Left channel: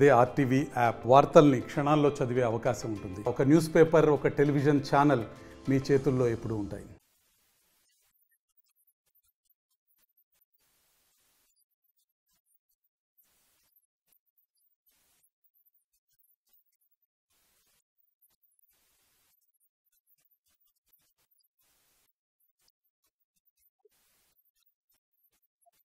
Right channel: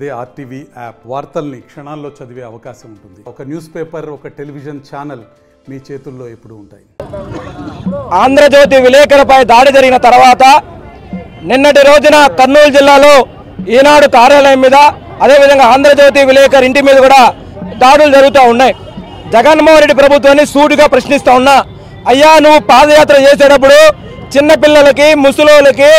అదే RTV app వార్తల్ని క్షణాల్లో చదివే అవకాశం ఉంటుంది. ఒక న్యూస్ పేపర్, ఒక టెలివిజన్ ఛానల్ మీ చేతుల్లో ఎప్పుడూ ఉంటాయి. ఆంధ్రజ్యోతి విలేకరులపై దాడి జరిగిన తర్వాత నిన్నటి రోజున కర్నూలు జిల్లాలో ఈనాడు కార్యాలయం మీద అదేవిధంగా ఆంధ్రజ్యోతి విలేకరు ఇంటి మీద కూడా దాడులు జరుగుతూ ఉన్నాయి. జగన్మోహన్ రెడ్డి ప్రభుత్వాన్ని సూటిగా ప్రశ్నిస్తూ ఉన్నా, అయ్యా నువ్వు పాదయాత్ర చేసేటప్పుడు చిన్నపిల్లలకి ముసలోళ్ళకి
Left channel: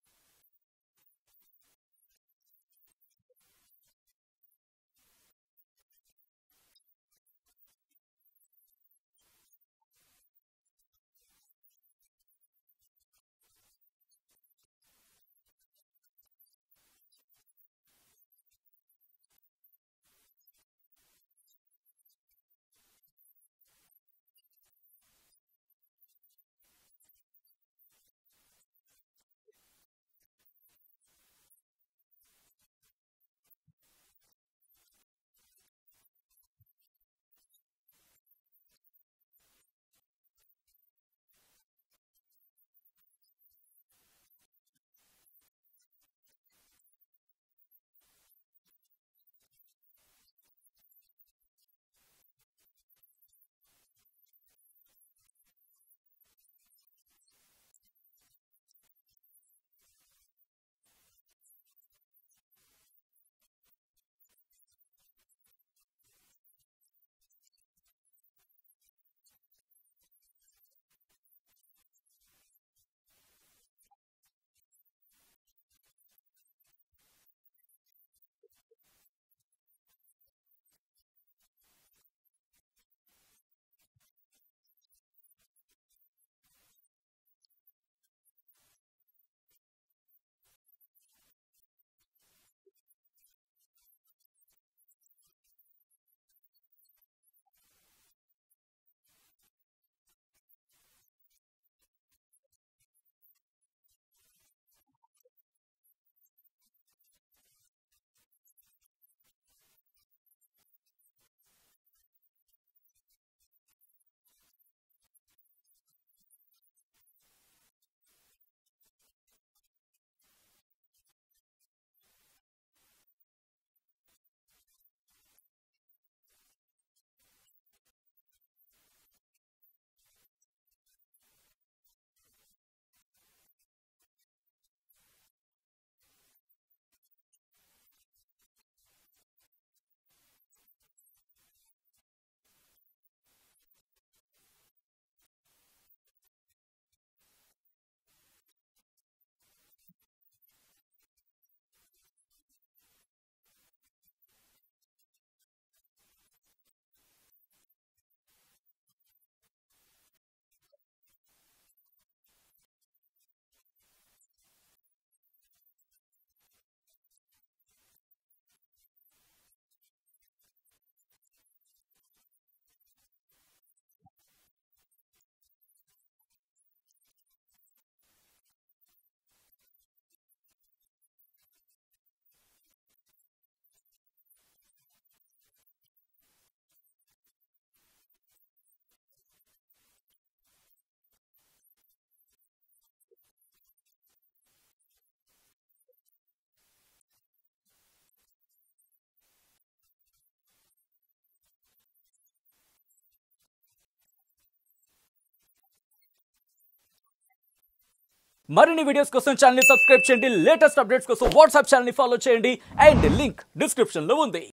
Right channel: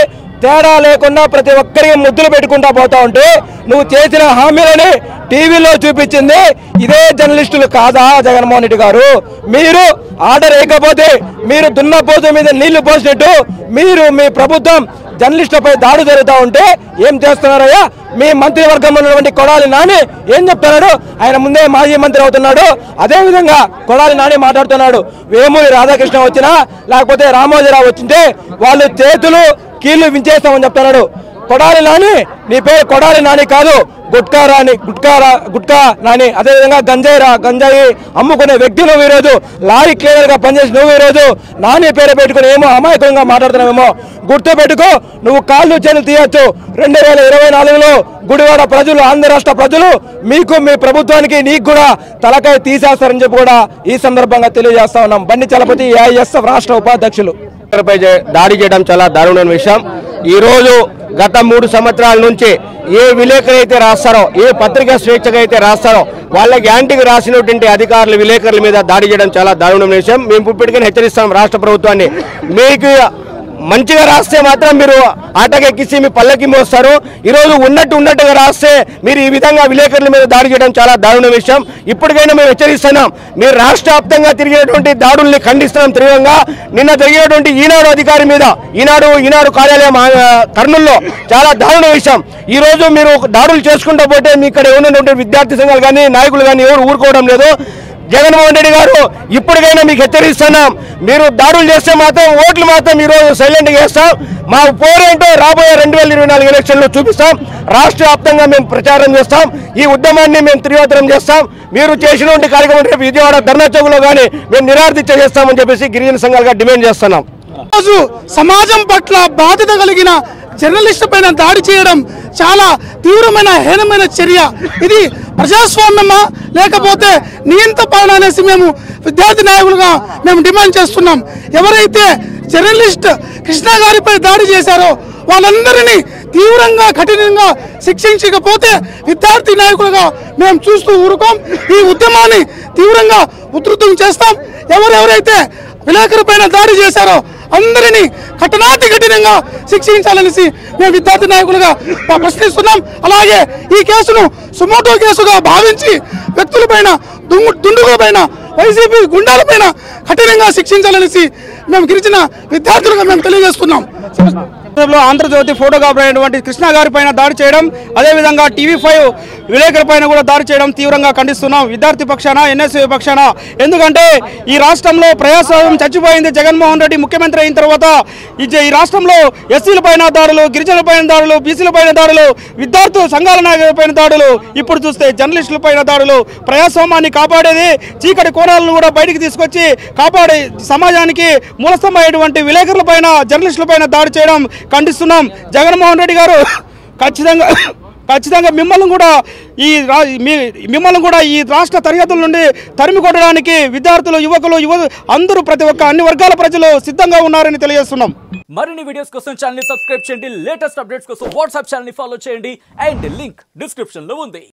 తేడా లేకుండా ప్రతి ఒక్కరికి ముద్దులు పెట్టుకుంటా పోతా ఉంటే నువ్వు చేసిన హామీలని టీవీలో చూపించింది ఇదే జర్నలిస్టులు కాదా జగన్మోహన్ రెడ్డి గారు? మీరు ఆర్డర్ వేయకపోతే మీరు దున్నపోతు మీద నీళ్లు పోసినట్టు మీరు మీ ప్రభుత్వం జర్నలిస్టులపై దాడి జరుగుతూ ఉంటే ఏం చేస్తున్నారయ్యా? మీ మంత్రివర్గంలో ఉన్నటువంటి కొడాలి నాని ఏం చెప్తున్నాడు? ఆయన ముందే మాజీ మంత్రి అవుతున్నాడు. అదేవిధంగా కొడాలి నాని మాట్లాడుతున్నాడు, వేమూరి రాధాకృష్ణ వచ్చినా లేకపోతే రామోజీరావు వచ్చింటే వాళ్ళు చేతులు కీళ్లు వించేస్తామని చెప్తున్నాడు. కొడాలి నాని, నీ పేరు కొడాలి నాని కాదు, గుట్కా నాని. అదేవిధంగా గంజాయి అమ్ముకునే వ్యక్తి నువ్వు ఈరోజు లారీ క్లీనర్ గా పనిచేసి నువ్వు ఈరోజు నాని పేరు పెట్టుకుని ఏమో అమాయకంగా మాట్లాడుతున్నావేమో గుర్తు పెట్టుకో. నువ్వు కాళ్ళు చేతులు తీయచ్చు. 2024లో గుడివాడ ప్రజలు, ఆంధ్ర రాష్ట్ర ప్రజలు మీకు, మీ ప్రభుత్వానికి, నీకు కూడా తలకాయ తీసేస్తారని చెప్పి కూడా ఈ సందర్భంగా తెలియజేస్తా ఉన్నాం. బండి చలపతి ఏఐఎస్ఎఫ్ రాష్ట్ర ఉపాధ్యక్షులు. దాడి చేయడం చాలా దారుణమైన విషయం. ఈ రోజు గత 3 సంవత్సరాల నుంచి ఏ విలేకరు అయితే రాస్తారో, ఏ పత్రికా స్వేచ్ఛగా అయితే రాస్తారో వాళ్ళకి యాంటీగా రాసినటువంటి అధికారులు విలేకరుల మీద దాడి చేయడం చాలా దారుణమైన విషయం. మేము ఇప్పటికైనా హెచ్చరిస్తాం రాష్ట్ర ప్రభుత్వాన్ని, మీకు మంచిగా రాస్తే మాత్రం మీరు ఆటకెక్కిసి మీ పల్లకి మోస్తారు. ఈరోజు ఉన్నట్టుగా రాస్తే మీరు ఈ విధంగా విలేకరుల మీద దాడి చేయడం చాలా దారుణ విషయం. ఇప్పటికైనా మేము హెచ్చరిస్తున్నాం, మీరు రాష్ట్ర వ్యాప్తంగా తిరిగినటువంటి దాడుల్ని ఖండిస్తున్నాం తీవ్రంగా. నిన్న జరిగినటువంటి ఈనాడు అధికారి మీద, ఈనాడు కార్యాలయం కర్నూలులో చాలా దారుణ విషయం. ఈ రోజు మీరు దాడులు చేసుకుంటూ పోతే మీ ఇక్కడ ఉన్నటువంటి విద్యార్థి సంఘాలు కానీ నాయకులు కానీ ఎవరు ఊరుకోవడం లేదు. జగన్మోహన్ రెడ్డి గారు ఇప్పటికైనా మీకు హెచ్చరిస్తున్నాం, మీరు దాడులు చేస్తే మాత్రం ఓట్లు మాత్రం ఈరోజు సైలెంట్గా వేస్తాం. మా పోరేంటో రాబోయే 2024 ఎలక్షన్లో చూపిస్తాం. రాష్ట్ర వ్యాప్తంగా మేము ప్రచారం చేస్తాం. ఈ ఉద్యమాన్ని మేము తీవ్రతరం చేస్తాం. మీరు చేసినటువంటి కార్యక్రమం రేపు విజయవాడ ధర్నా చౌక్లో కానీ మేము నిరాదీక్ష చేస్తామని చెప్పేసి గిరిజన సంఘాలుగా డిమాండ్ చేస్తున్నాం. రోజు సమాజం పట్ల బాధ్యత కలిగిన జర్నలిస్టు పైన దాడి చేయడం చాలా తీవ్రమైన, హీనమైన చర్య. ఇది ప్రజాస్వామ్యమా లేకపోతే నియంత్ర పాలన అనేసి మేము విద్యార్థి నాయకులుగా మేము డిమాండ్ చేస్తున్నాం. ఎవరైతే జర్నలిస్ట్ కృష్ణ గారిపై దాడి చేశారో వాళ్ళందరినీ తీవ్రంగా, కఠినంగా శిక్షించకపోతే విద్యార్థి నాయకులుగా మేము చూస్తూ ఊరుకోం. ఈ ఉద్యమాన్ని తీవ్రంగా ఉధృతం చేస్తాం. ఎవరెవరైతే విలేకరు పైన దాడి చేశారో అందరినీ కఠినంగా శిక్షించాలనేసి మేము విద్యార్థి నాయకులుగా ప్రశ్నిస్తున్నాం. అలాగే ఈ కేసును సుమోటో కేసుగా భావించి వ్యక్తులపైన, దుండుగులపైన, వైసీపీ గుండాలపైన కఠినంగా శిక్షించాలనేసి మేము గిరిజన విద్యార్థులుగా మేము తెలియజేస్తున్నాం. ఆంధ్రజ్యోతి ఫోటోగ్రాఫర్ అయినటువంటి కృష్ణ గారి పైన దాడి చేయడం, అదేవిధంగా TV5 విలేకరుల పైన కూడా దాడి చేయడం తీవ్రంగా ఖండిస్తున్నాం విద్యార్థి పక్షాన, NSU పక్షాన. ఎందుకంటే ఈ రాష్ట్రంలో ప్రజాస్వామ్యం చచ్చిపోయింది. జగన్మోహన్ రెడ్డి ముఖ్యమంత్రి అయిన తర్వాత ఈ రాష్ట్రంలో ఎస్సీల పైన దాడులు, గిరిజనుల పైన దాడులు, బీసీల పైన దాడులు, విద్యార్థి సంఘాల నాయకుల పైన దాడులు, ఇప్పుడు చూస్తే జర్నలిస్టుల పైన దాడులు. ప్రజాస్వామ్యాన్ని కాపాడేది, చీకటి కోణాలను కూడా బయటికి తీసుకొచ్చి కాపాడే సమాజానికి మూలస్తంభమైనటువంటి విలేకరుల పైన, జర్నలిస్టుల పైన దాడి చేయడం ఖండిస్తున్నాం. జగన్మోహన్ రెడ్డి గారు ఖచ్చితంగా మిమ్మల్ని కూడా ఈ రాష్ట్ర సరిహద్దుల నుండి తరిమి కొట్టడానికి విద్యార్థులు, యువకులు అందరూ అన్ని వర్గాల ప్రజలు సిద్ధంగా ఉన్నారని తెలియజేస్తున్నాం. మరిన్ని వీడియోస్ కోసం ఛానల్ ని సబ్స్క్రైబ్ చేయండి. లేటెస్ట్ అప్డేట్స్ కోసం వాట్సాప్ ఛానల్ ని ఫాలో చేయండి. అండ్ లింక్ డిస్క్రిప్షన్ లో ఉంది.